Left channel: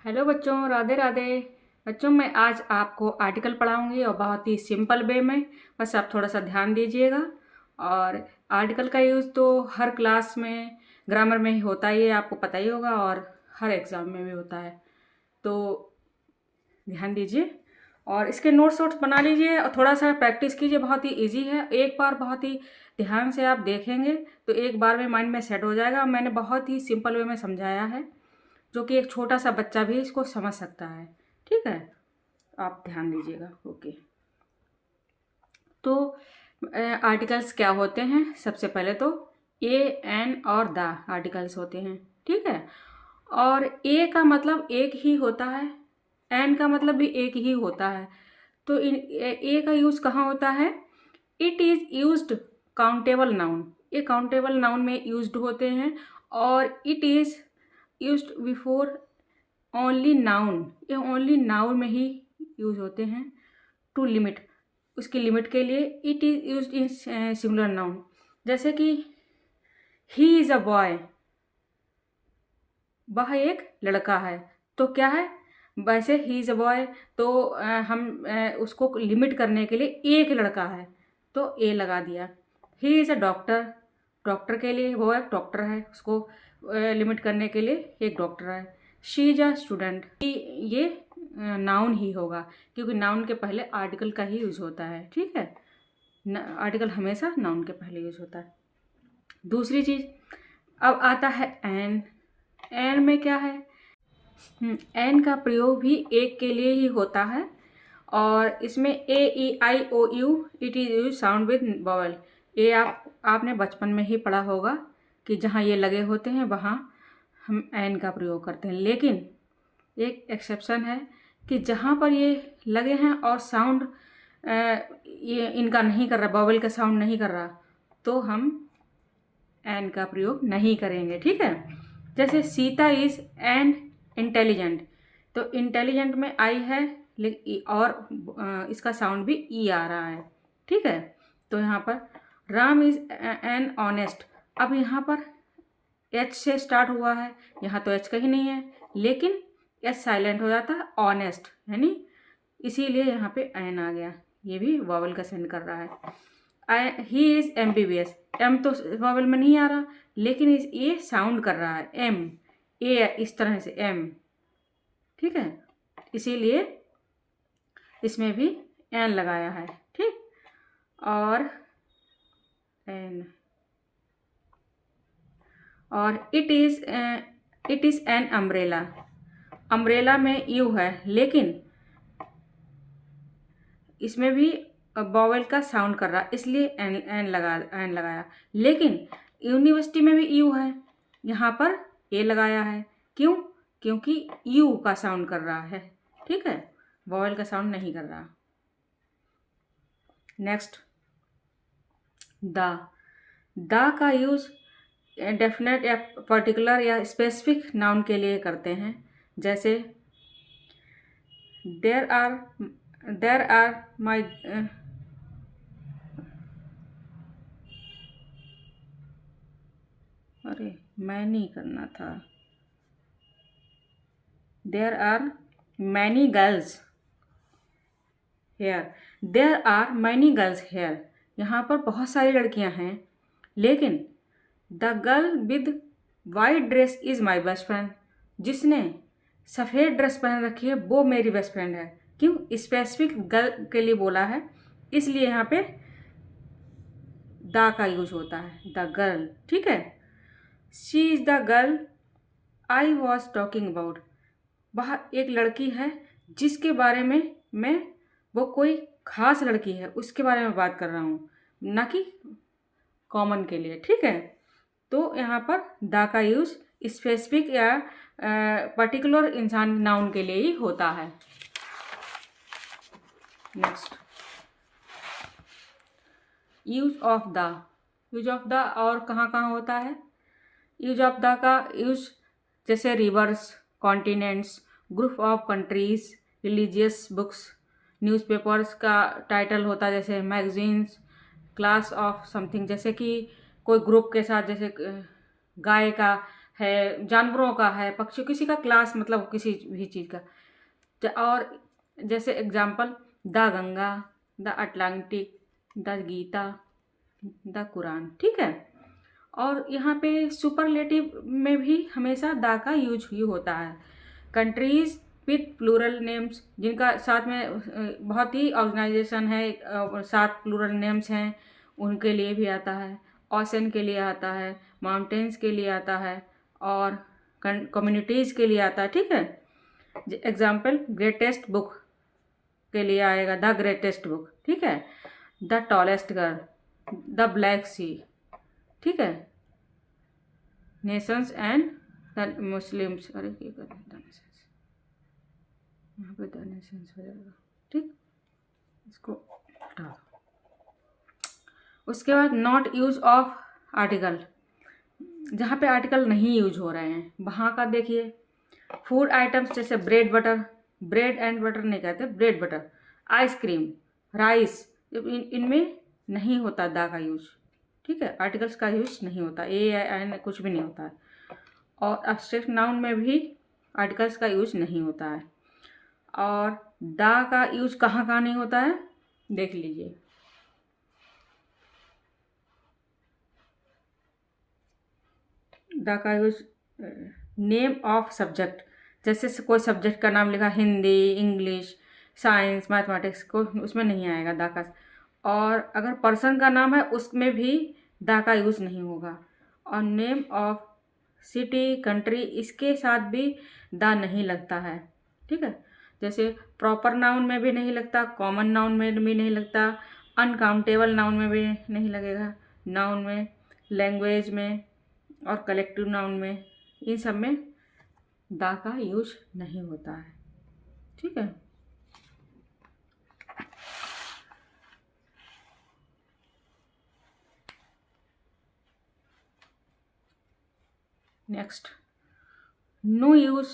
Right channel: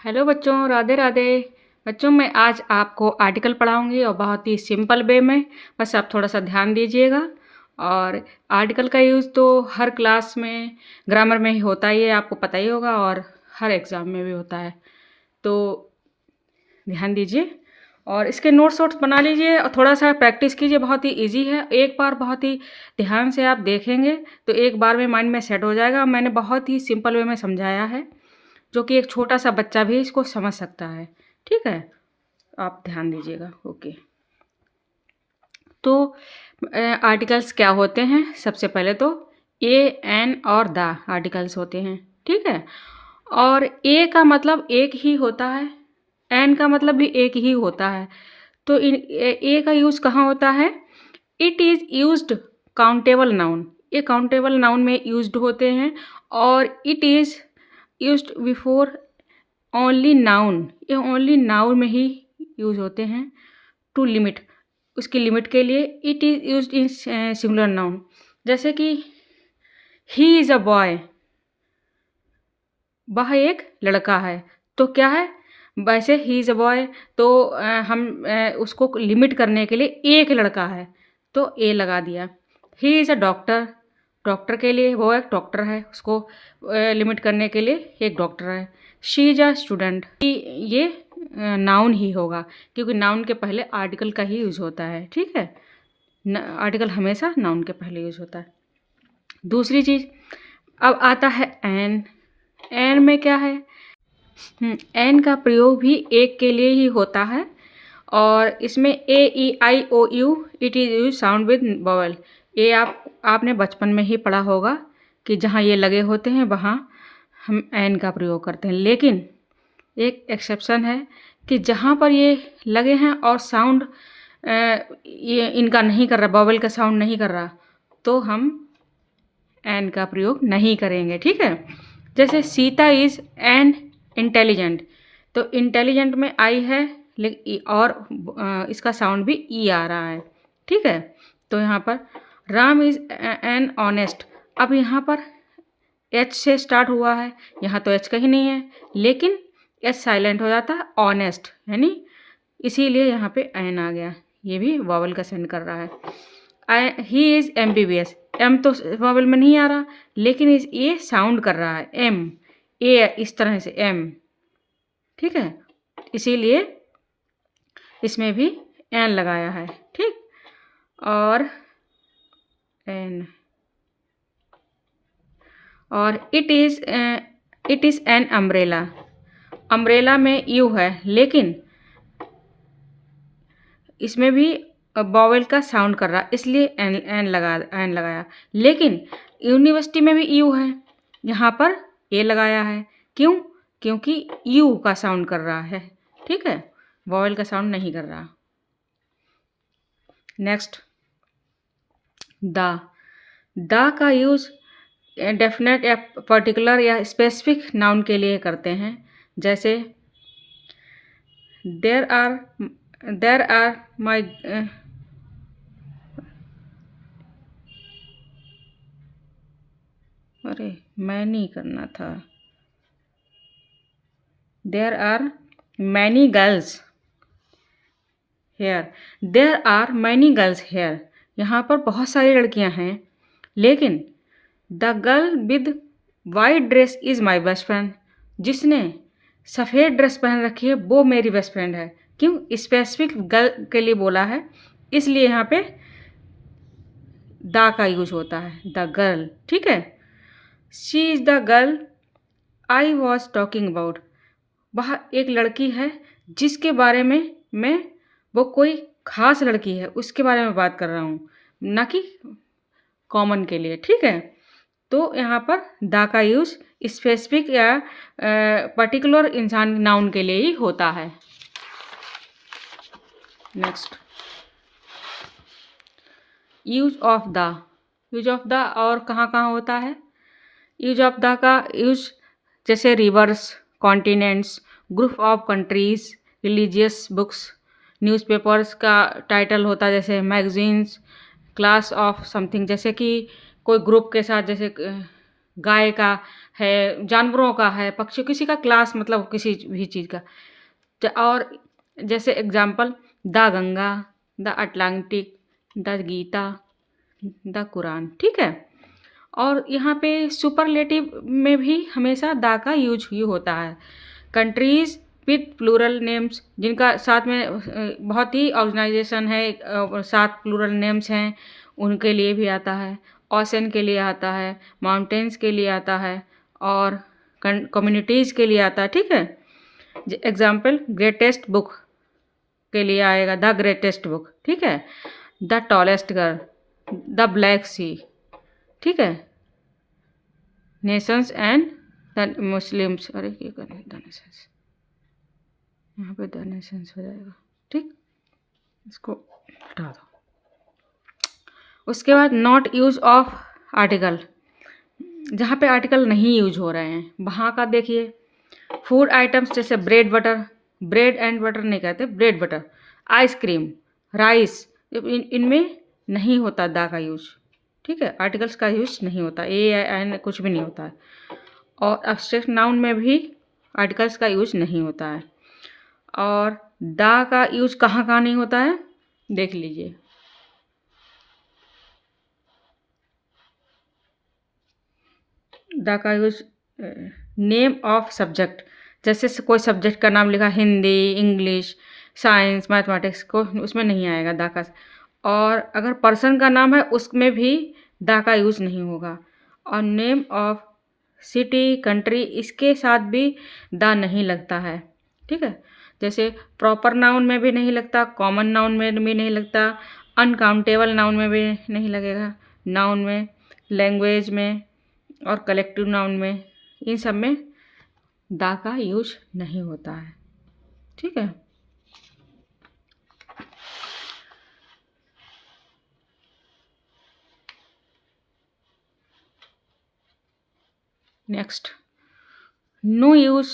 Hello बच्चों, राधे राधे। बच्चों, मैं आज आपको आर्टिकल पढ़ाऊंगी और बहुत ही सिंपल वे में। बस आप थोड़ा सा ध्यान दीजिएगा। और आर्टिकल का यूज़ तो हर क्लास में ग्रामर में ही होता ही है, आपको पता ही होगा, और हर एग्ज़ाम में भी होता है। तो ध्यान दीजिए और इसके नोट्स वोट्स बना लीजिए और थोड़ा सा प्रैक्टिस कीजिए। बहुत ही इजी है, एक बार बहुत ही ध्यान से आप देखेंगे तो एक बार में माइंड में सेट हो जाएगा। मैंने बहुत ही सिंपल वे में समझाया है, जो कि एक छोटा सा बच्चा भी इसको समझ सकता है। ठीक है, आप ध्यान दीजिएगा। ओके, तो आर्टिकल्स क्या होते हैं? सबसे पहले तो ए, एन और द आर्टिकल्स होते हैं। ठीक है, और ए का मतलब एक ही होता है, एन का मतलब भी एक ही होता है। तो ए का यूज़ कहाँ होता है? It is used countable noun, ये काउंटेबल नाउन में यूज्ड होते हैं। और it is used before only noun, ये ओनली नाउन में ही यूज होते हैं। टू लिमिट, उसकी लिमिट के लिए it is used in singular noun. जैसे कि ही इज़ अ बॉय, वह एक लड़का है। तो क्या है, वैसे ही इज़ अ बॉय, तो हम उसको लिमिट करने के लिए एक लड़का है तो ए लगा दिया। He is a doctor, doctor के लिए वो एक डॉक्टर है, उसको लिमिट करने के लिए एक डॉक्टर है। शी इज़ अ स्टूडेंट, ये नाउन ही होगा, क्योंकि नाउन के पहले आर्टिकल का ही यूज़ होता है। ठीक है, आर्टिकल हमेशा नाउन के पहले यूज़ होता है। दूसरी चीज़, अब आता है एन। एन में क्या है? एन का प्रयोग भी एक के लिए ही होता है, और इसमें A E I O U it is use sound with vowel. ये आपने बचपन में ही पढ़ा होगा कि जहाँ ये लगे होते हैं वहाँ हम एन का प्रयोग करते हैं। लेकिन एक एक्सेप्शन है कि जहाँ पर ये लगे हैं और साउंड ये इनका नहीं कर रहा, वॉवल का साउंड नहीं कर रहा, तो हम एन का प्रयोग नहीं करेंगे। ठीक है, जैसे सीता इज़ एन इंटेलिजेंट, तो इंटेलिजेंट में आई है, लेकिन और इसका साउंड भी ई आ रहा है। ठीक है, तो यहाँ पर राम इज़ एन ऑनेस्ट, अब यहाँ पर एच से स्टार्ट हुआ है, यहाँ तो एच कहीं नहीं है, लेकिन एच साइलेंट हो जाता है, ऑनेस्ट यानी, इसीलिए यहाँ पे एन आ गया। ये भी वॉवल का सेंड कर रहा है। I he is M B B S, M तो वॉवल में नहीं आ रहा, लेकिन इस ये साउंड कर रहा है एम, ए इस तरह से एम। ठीक है, इसीलिए इसमें भी एन लगाया है। ठीक, और एन, और it is an umbrella, umbrella में यू है, लेकिन इसमें भी बॉवेल का साउंड कर रहा, इसलिए एन लगाया। लेकिन यूनिवर्सिटी में भी यू है, यहाँ पर ए लगाया है। क्यों? क्योंकि यू का साउंड कर रहा है। ठीक है, बॉवेल का साउंड नहीं कर रहा। नेक्स्ट, द, द का यूज़ डेफिनेट या पर्टिकुलर या स्पेसिफिक नाउन के लिए करते हैं। जैसे देर आर माई, अरे मैं नहीं करना था। There are many girls here, there are many girls here, यहाँ पर बहुत सारी लड़कियाँ हैं, लेकिन the girl with white dress is my best friend, जिसने सफ़ेद ड्रेस पहन रखी है वो मेरी बेस्ट फ्रेंड है। क्यों? स्पेसिफिक गर्ल के लिए बोला है, इसलिए यहाँ पे द का यूज होता है, द गर्ल। ठीक है, she is the girl I was talking about, वह एक लड़की है जिसके बारे में मैं, वो कोई खास लड़की है उसके बारे में बात कर रहा हूँ, ना कि कॉमन के लिए। ठीक है, तो यहाँ पर द का यूज़ स्पेसिफिक या पर्टिकुलर इंसान नाउन के लिए ही होता है। Next, use of the, use of the और कहाँ कहाँ होता है? यूज ऑफ द का यूज जैसे reverse, continents, group of countries, religious books, newspapers का टाइटल होता है, जैसे मैगजीन्स, क्लास ऑफ समथिंग, जैसे कि कोई ग्रुप के साथ, जैसे गाय का है, जानवरों का है, पक्षियों, किसी का क्लास मतलब किसी भी चीज़ का। और जैसे example, the Ganga, the Atlantic, the Gita, the Quran, ठीक है। और यहाँ पे सुपरलेटिव में भी हमेशा द का यूज ही होता है। कंट्रीज विथ प्लूरल नेम्स, जिनका साथ में बहुत ही ऑर्गेनाइजेशन है, साथ प्लूरल नेम्स हैं, उनके लिए भी आता है। ओशन के लिए आता है, माउंटेन्स के लिए आता है, और कम्युनिटीज़ के लिए आता है, ठीक है। एग्जाम्पल, ग्रेटेस्ट बुक के लिए आएगा द ग्रेटेस्ट बुक, ठीक है। The tallest girl, the Black Sea, ठीक है। नेशंस एंड द मुस्लिम्स, अरे ये करें द नेशंस, यहाँ पे द नेशंस हो जाएगा, ठीक। इसको हटा दो। उसके बाद नॉट यूज ऑफ आर्टिकल, जहाँ पे आर्टिकल नहीं यूज हो रहे हैं वहाँ का देखिए। फूड आइटम्स जैसे bread butter, bread and butter नहीं कहते, ब्रेड बटर, आइसक्रीम, राइस, इनमें नहीं होता दा का यूज, ठीक है। आर्टिकल्स का यूज नहीं होता, ए एन कुछ भी नहीं होता है। और एब्स्ट्रैक्ट नाउन में भी आर्टिकल्स का यूज नहीं होता है। और दा का यूज कहाँ कहाँ नहीं होता है देख लीजिए। द का यूज नेम ऑफ सब्जेक्ट, जैसे कोई सब्जेक्ट का नाम लिखा, हिंदी, इंग्लिश, साइंस, मैथमेटिक्स, को उसमें नहीं आएगा द का। और अगर पर्सन का नाम है उसमें भी द का यूज नहीं होगा। और नेम ऑफ सिटी, कंट्री, इसके साथ भी द नहीं लगता है, ठीक है। जैसे प्रॉपर नाउन में भी नहीं लगता, कॉमन नाउन में भी नहीं लगता, अनकाउंटेबल नाउन में भी नहीं लगेगा, नाउन में, लैंग्वेज में और कलेक्टिव नाउन में, इन सब में दा का यूज नहीं होता है, ठीक है। नेक्स्ट, नो यूज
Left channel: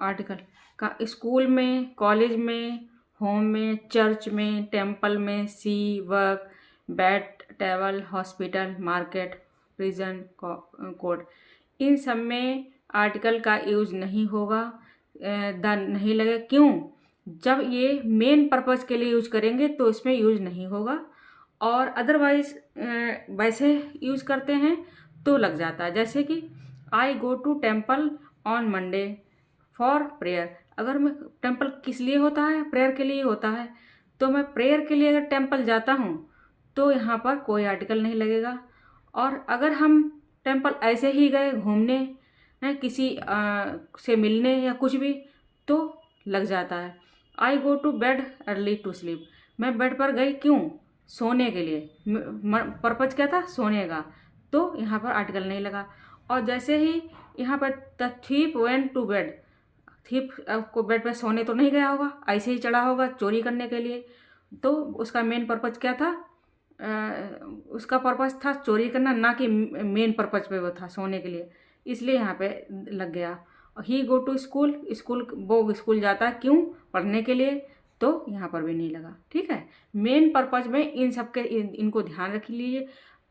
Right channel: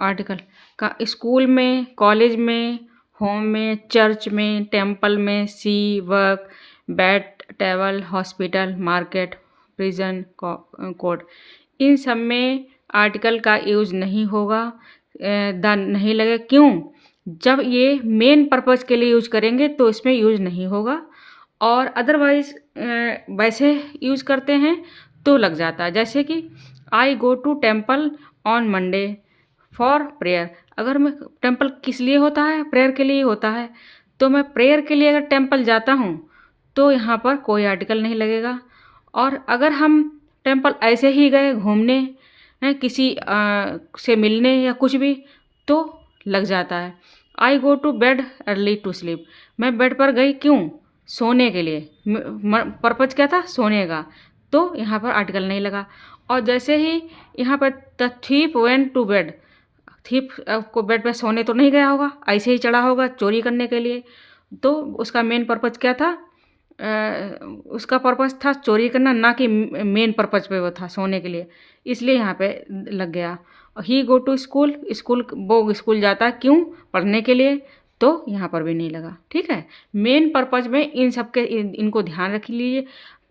आर्टिकल का स्कूल में, कॉलेज में, होम में, चर्च में, टेम्पल में, sea, work, bed, table, hospital, market, prison, court, इन सब में आर्टिकल का यूज नहीं होगा, द नहीं लगेगा। क्यों? जब ये मेन पर्पज़ के लिए यूज करेंगे तो इसमें यूज नहीं होगा, और अदरवाइज वैसे यूज करते हैं तो लग जाता है। जैसे कि I go to temple on Monday for prayer, अगर मैं टेम्पल किस लिए होता है, प्रेयर के लिए होता है, तो मैं प्रेयर के लिए अगर टेम्पल जाता हूँ तो यहाँ पर कोई आर्टिकल नहीं लगेगा। और अगर हम टेम्पल ऐसे ही गए घूमने, किसी से मिलने या कुछ भी, तो लग जाता है। I go to bed early to sleep, मैं बेड पर गई क्यों? सोने के लिए, पर्पज क्या था? सोने का, तो यहाँ पर आर्टिकल नहीं लगा। और जैसे ही यहाँ पर the thief went to bed, thief को बेड पर सोने तो नहीं गया होगा, ऐसे ही चढ़ा होगा चोरी करने के लिए, तो उसका मेन पर्पज क्या था? उसका पर्पज था चोरी करना, ना कि मेन पर्पज पे वो था सोने के लिए, इसलिए यहाँ पे लग गया। ही गो टू स्कूल, स्कूल वो स्कूल जाता है क्यों? पढ़ने के लिए, तो यहाँ पर भी नहीं लगा, ठीक है। मेन पर्पज में इन सब के इनको ध्यान रख लीजिए,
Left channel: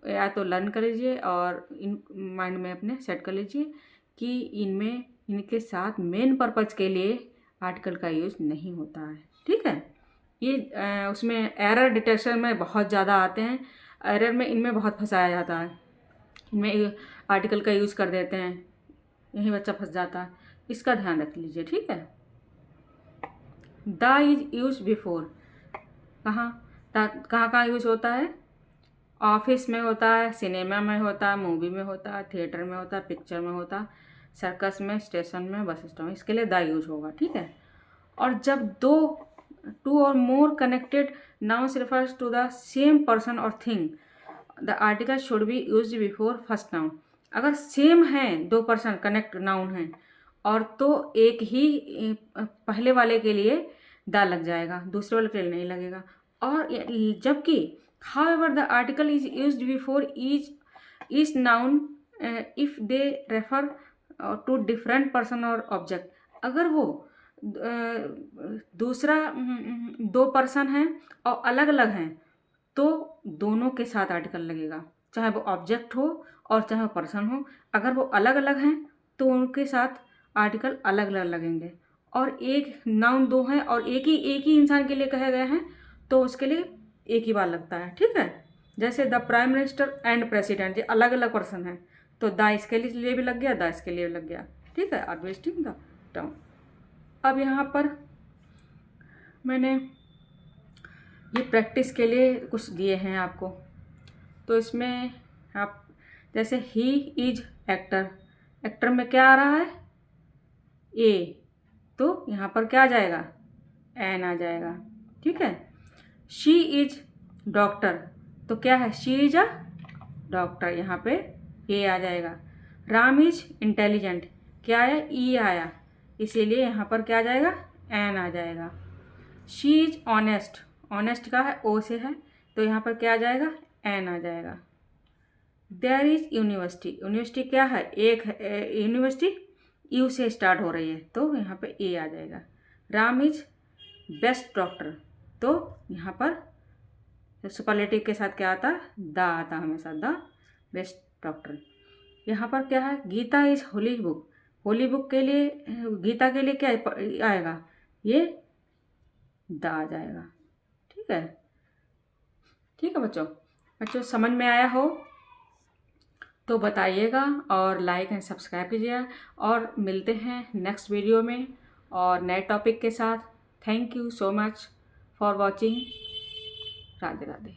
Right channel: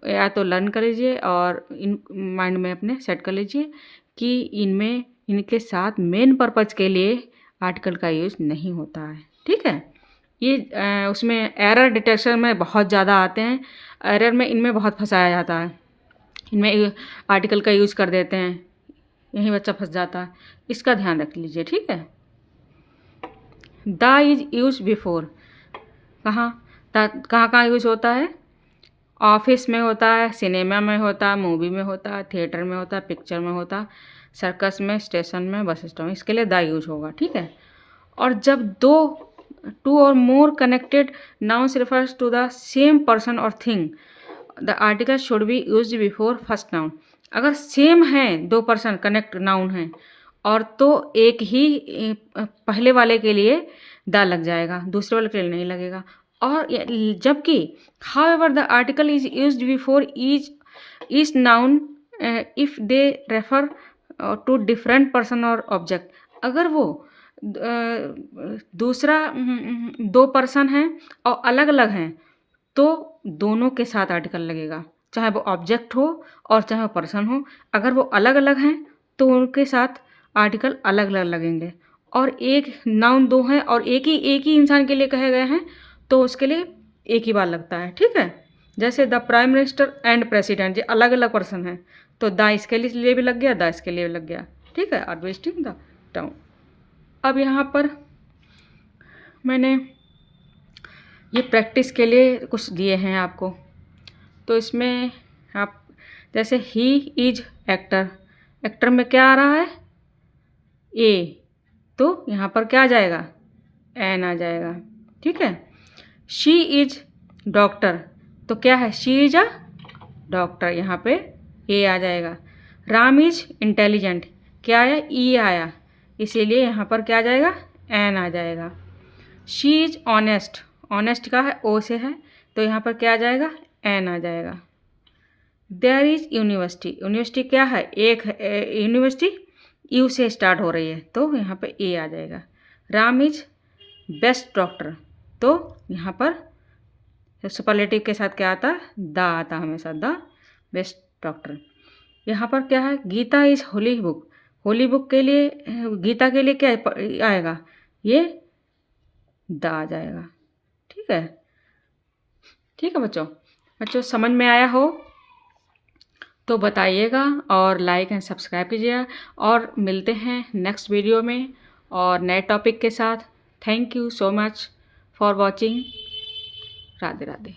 या तो लर्न कर लीजिए और इन माइंड में अपने सेट कर लीजिए कि इनमें इनके साथ मेन पर्पज के लिए आर्टिकल का यूज नहीं होता है, ठीक है। ये उसमें एरर डिटेक्शन में बहुत ज़्यादा आते हैं, एरर में इनमें बहुत फंसाया जाता है, इनमें आर्टिकल का यूज़ कर देते हैं, यही बच्चा फंस जाता है, इसका ध्यान रख लीजिए, ठीक है। द इज यूज बिफोर, कहाँ कहाँ कहाँ यूज होता है? ऑफिस में होता है, सिनेमा में होता है, मूवी में होता है, थिएटर में होता है, पिक्चर में होता है, सर्कस में, स्टेशन में, बस स्टॉप में, इसके लिए द यूज होगा, ठीक है। और जब दो, टू और more connected nouns refers to the same person or thing, the article should be used before first noun। अगर सेम है, दो पर्सन कनेक्ट नाउन है, और तो एक ही पहले वाले के लिए द लग जाएगा, दूसरे वाले के लिए नहीं लगेगा। और जबकि however the article is used before each noun if they refer to different person or object, अगर वो दूसरा दो पर्सन हैं और अलग अलग हैं तो दोनों के साथ आर्टिकल लगेगा, चाहे वो ऑब्जेक्ट हो और चाहे वो पर्सन हो। अगर वो अलग अलग हैं तो उनके साथ आर्टिकल अलग अलग लगेंगे। और एक नाउन दो हैं और एक ही इंसान के लिए कहे गए हैं, तो उसके लिए एक ही बार लगता है। ठीक है, जैसे the prime minister and president, ये अलग अलग पर्सन हैं, तो द इसके लिए भी लग गया, द इसके लिए भी लग गया। ठीक है, आर वेस्टिंग द टाइम। अब यहाँ पर मैंने ये प्रैक्टिस के लिए कुछ दिए हैं आपको, तो इसमें आप जैसे ही इज एक्टर, एक्टर में क्या आ रहा है, ए, तो यहाँ पर क्या आ जाएगा, एन आ जाएगा। ठीक है, शी इज डॉक्टर, तो क्या है, शी इज अ डॉक्टर, यहाँ पे ए आ जाएगा। राम इज इंटेलिजेंट, क्या आया, ई आया, इसीलिए यहाँ पर क्या आ जाएगा, एन आ जाएगा। शी इज ऑनेस्ट, ऑनेस्ट का है, ओ से है, तो यहाँ पर क्या आ जाएगा, एन आ जाएगा। देयर इज यूनिवर्सिटी, यूनिवर्सिटी क्या है, एक यूनिवर्सिटी यू से स्टार्ट हो रही है, तो यहाँ पे ए आ जाएगा। राम इज बेस्ट डॉक्टर, तो यहाँ पर सुपरलेटिव के साथ क्या आता है, द आता हमेशा, द बेस्ट डॉक्टर। यहाँ पर क्या है, Gita is holy book, holy book के लिए, गीता के लिए क्या आएगा, ये द आ जाएगा। ठीक है, ठीक है बच्चों, बच्चों समझ में आया हो तो बताइएगा और लाइक एंड सब्सक्राइब कीजिएगा, और मिलते हैं नेक्स्ट वीडियो में और नए टॉपिक के साथ। Thank you so much for watching. Radhe Radhe.